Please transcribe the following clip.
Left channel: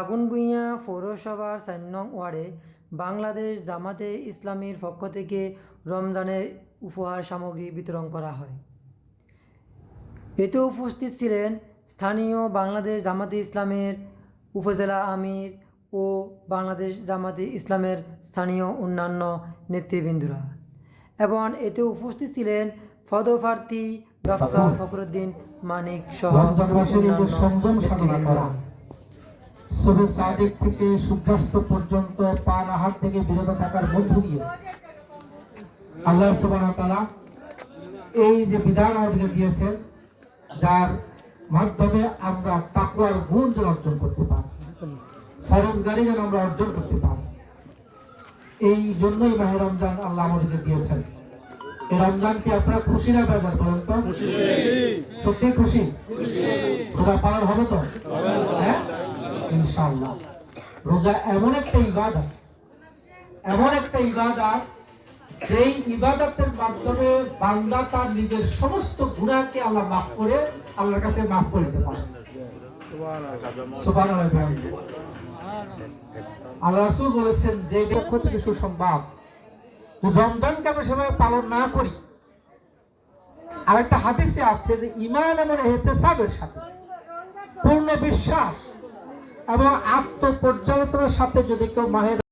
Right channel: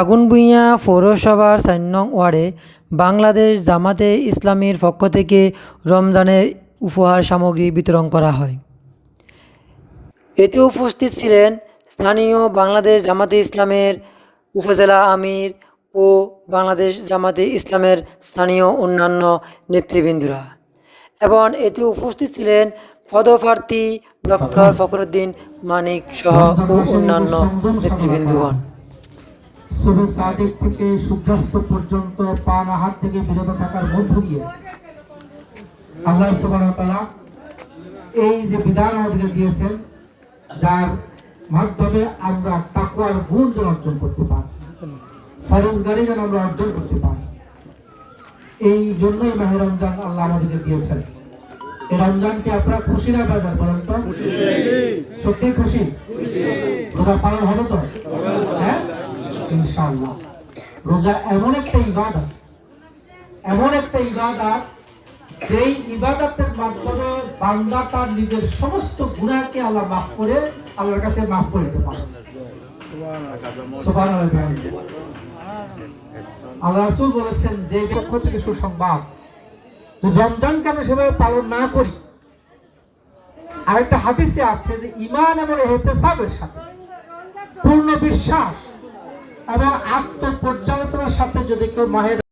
আগুনভূঁইয়া পৌরসভার চার ওয়ার্ডে বাংলাদেশ জামাতে ইসলামীর পক্ষ থেকে রমজানের উপহার সামগ্রী বিতরণ করা হয়। এতে উপস্থিত ছিলেন স্থানীয় বাংলাদেশ জামাতে ইসলামের উপজেলা আমির ও বাংলাদেশ জামাতে ইসলামের স্থানীয় অন্যান্য নেতৃবৃন্দরা এবং এতে উপস্থিত ছিলেন পদপ্রার্থী ডক্টর ফখরুদ্দিন মানিক সহ অন্যান্য নেতৃবৃন্দগণ। সুবে সাদেক থেকে সূর্যাস্ত পর্যন্ত পান আহার থেকে বিরত থাকার মধ্য দিয়ে আল্লাহ তাআলা এই যে বিধান আমাদেরকে দিয়েছেন যার মাধ্যমে আমরা তাকওয়ার গুণ যেন অর্জন করতে পারি ফরজগারি যেন আমরা অর্জন করতে পারি। এই জন্যই মাহে রমজান আল্লাহ আমাদেরকে দিয়েছেন। এই রমজানকে আপনারা খুশি না বেজার বলেন তো? সত্যি খুশি। রোজা পালন হবে তো? ইনশাআল্লাহ। রোজা এমন একটা ইবাদত, এমন একটা ইবাদত যেই ইবাদতের মাধ্যমে বান্দা তার নিজের সমস্ত গুনাহকে আল্লাহ মাফ করে, আল্লাহর কাছে মাফ করে দিতে পারে। আল্লাহ রাসূল বলেছেন, যে পক্ষ থেকে সুসংবাদ রমজানকে আমরা সেভাবে পালন না করি। আরেকটা হাদিসে আছে যে ইমান এবং এহতেসাবের সাথে পূর্ণ বিশ্বাস এবং আত্মপর্যালোচনার সাথে যদি কেউ মাহের